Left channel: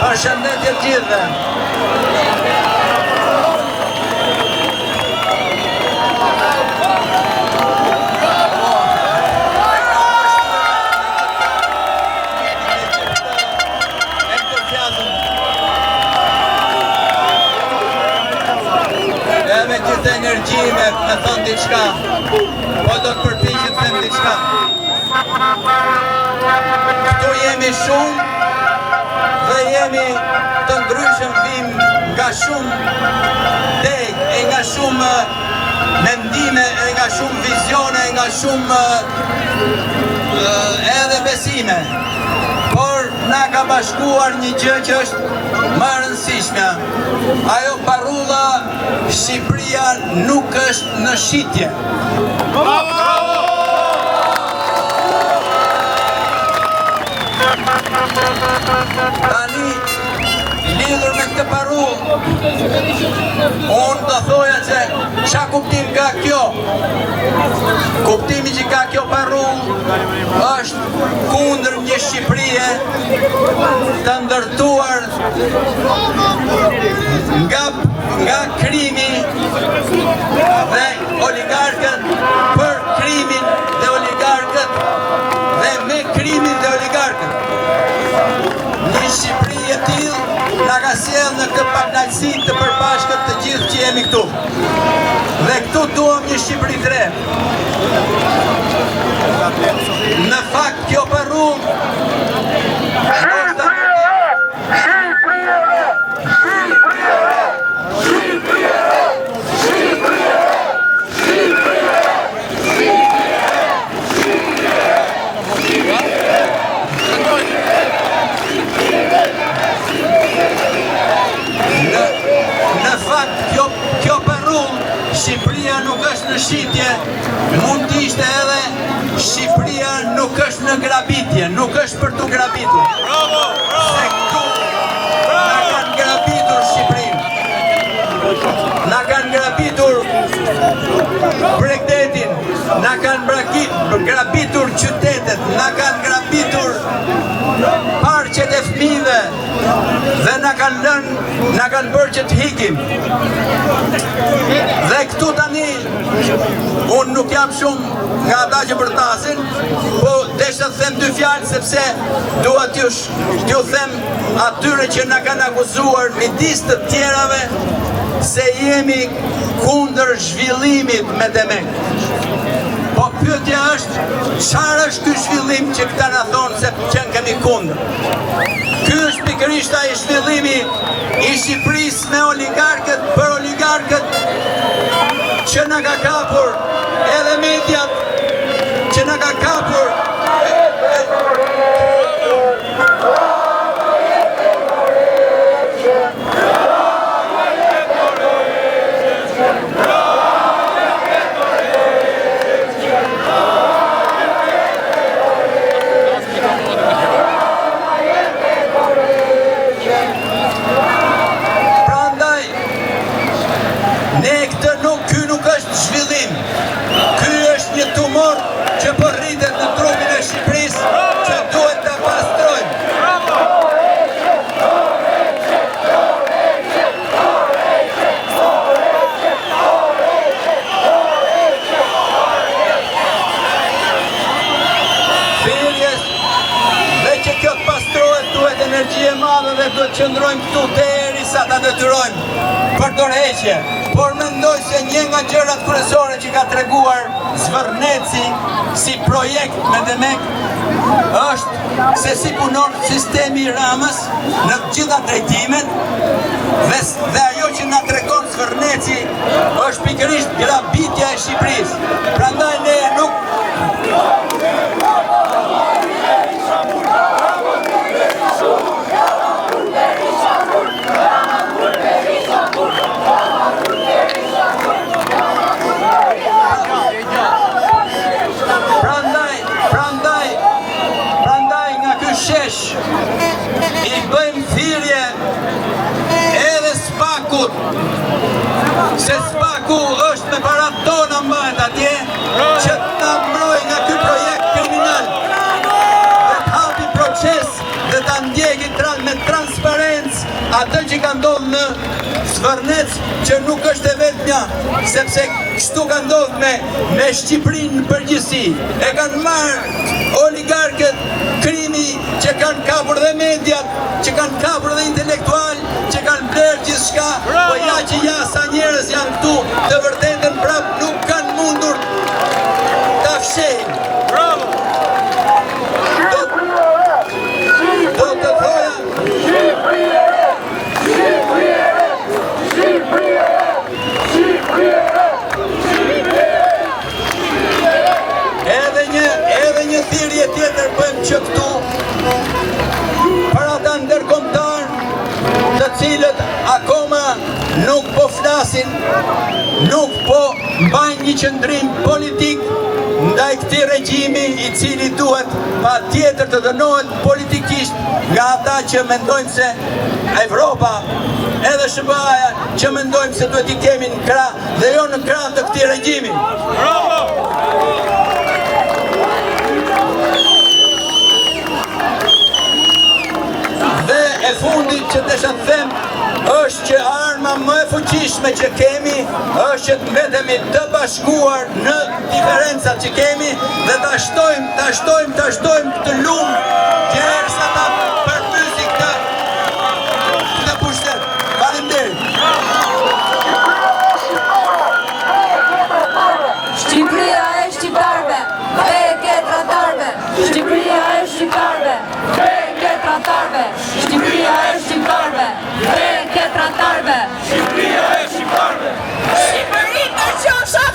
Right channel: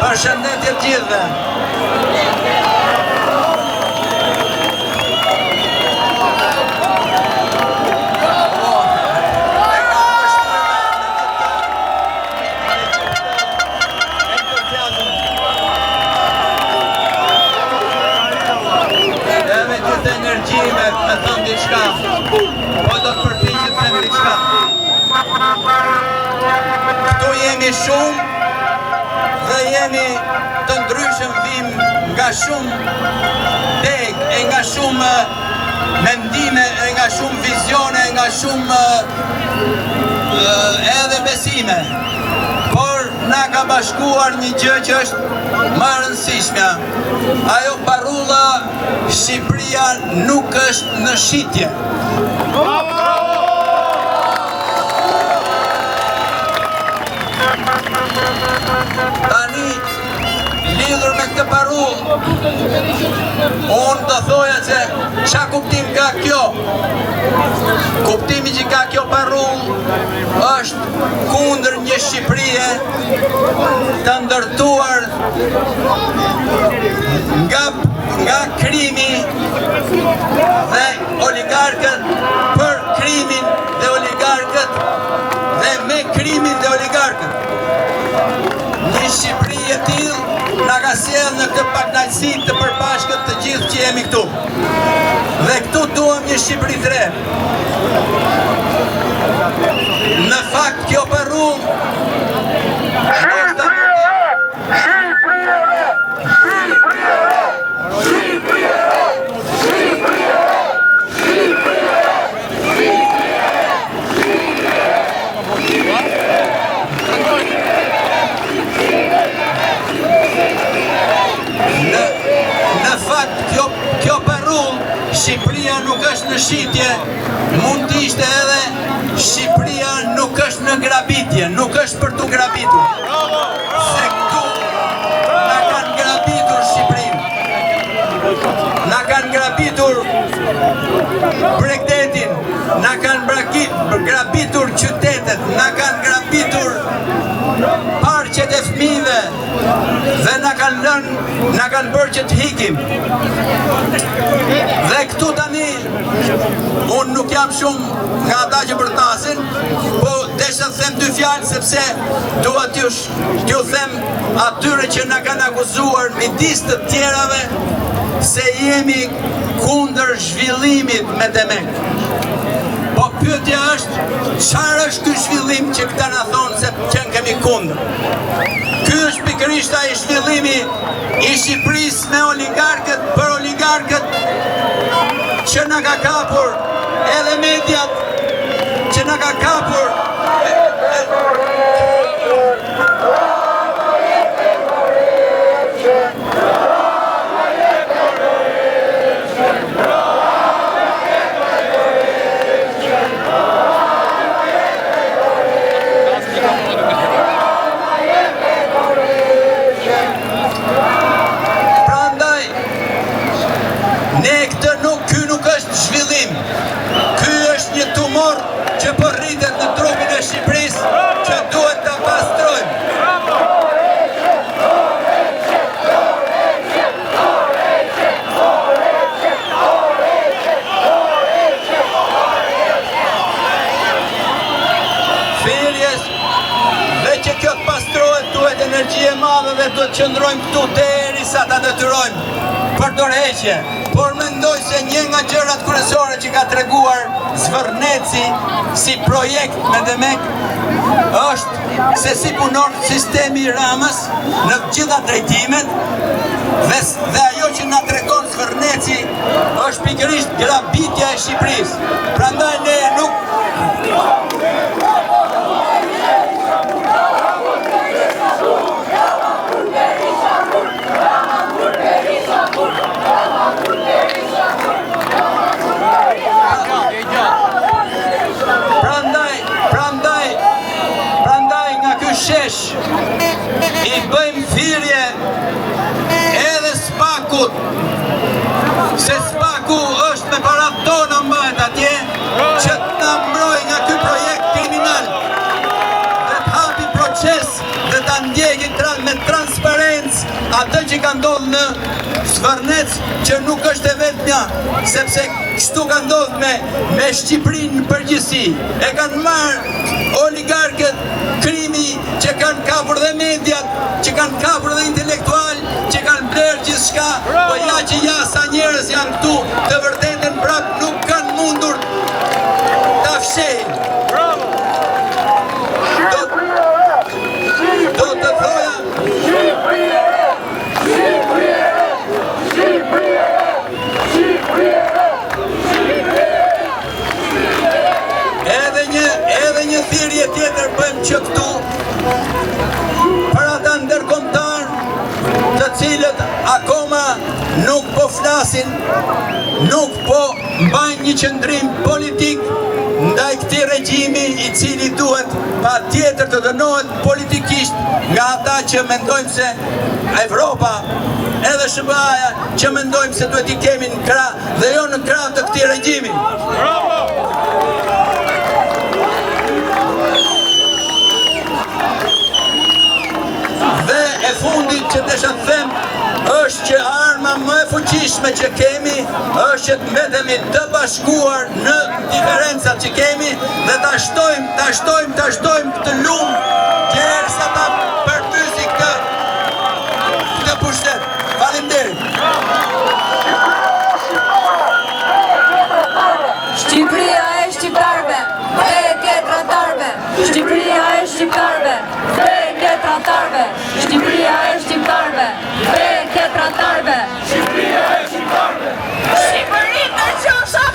Përshëndetje të gjithëve. Edhe këtë energji me thënë diçka, po do të përpiqet të them diçka. Këtu jemi shumë dhe jemi të ndryshëm, vim nga shumë deg, e nga shumë mendime, e nga shumë vizione, e nga shumë edhe besime. Por na ka bashkuar një gjë që është më e rëndësishme. Ajo parulla Shqipëria nuk është në shitje. Tani, lidhur me këtë parullë, unë të thoja që qa kuptim ka kjo? Kuptimi që ka kjo parullë është kundër një Shqipërie të ndërtuar nga krimi dhe oligarkët, për krimin dhe oligarkët dhe me krimin dhe oligarkët. Një Shqipëri e tillë na ka sjellë në këtë paknaqësi të përbashkët të gjithë që jemi këtu. Dhe këtu duam një Shqipëri të re. Në fakt kjo parullë Shqipëria nuk është në shitje, mund të ishte edhe Shqipëria nuk është në grabitje, nuk është për të grabitur. Se këtu na kanë grabitur Shqipërinë. Na kanë grabitur Bregdetin, na kanë grabitur qytetet, na kanë grabitur parqet e fëmijëve dhe na kanë bërë që të hikim. Dhe këtu tani, unë nuk jam shumë nga ata që përtasin, po desha të them dy fjalë sepse dua t'ju them atyre që na kanë akuzuar midis të tjerave se jemi kundër zhvillimit me Demek. Po pyetja është, çfarë është ky zhvillim që këta na thonë se që kemi kundër? Ky është pikërisht ai zhvillimi i Shqipërisë me oligarkët, për oligarkët që na ka kapur edhe mediat, që na ka kapur që po rritet në trupin e Shqipërisë që duhet të pastrojmë. Thirrjes, dhe që kjo të pastrohet duhet energji e madhe dhe duhet qëndrojmë këtu derisa ta detyrojmë për dorëheqje. Por mendoj se një nga gjërat kryesore që ka treguar Zvërneci si projekt me Demek është se si punon sistemi i Ramës në gjitha drejtimet dhe ajo që na tregon Zvërneci është pikërisht grabitja e Shqipërisë. Prandaj ne nuk Prandaj nga ky shesh i bëjmë thirrje edhe Spakut, se Spaku është me parat tona mbajt atje, që që nuk është e vetmja, sepse kështu ka ndodhur me Shqipërinë në përgjithësi. E kanë marrë oligarkët krimi që kanë kapur dhe mediat, që kanë kapur dhe intelektual, që kanë blerë gjithçka, po ja që ja sa njerëz janë këtu, të vërtetën prap nuk kanë mundur ta fshehin. Do të thoja edhe një thirrje tjetër bëjmë që këtu për ata ndërkombëtar të cilët akoma nuk po flasin, nuk po mbajnë një qëndrim politik ndaj këtij regjimi i cili duhet patjetër të dënohet politikisht nga ata që mendojnë se Evropa edhe SBA-ja që mendojnë se duhet i kemi në krah dhe jo në krah të këtij regjimi. Dhe e fundit që desha të them është që arma më e fuqishme që kemi është që të mbetemi të bashkuar në diferencat që kemi dhe ta shtojmë këtë lumë derisa ta përmbysi këtë pushtet. Faleminderit. Shqipëria e shqiptarëve, dhe e tjetratarëve. Shqipëria e shqiptarëve, dhe e tjetratarëve. Shqipëria e shqiptarëve, dhe e tjetratarëve. Shqipëria e shqiptarëve. Shqipëri të qofsha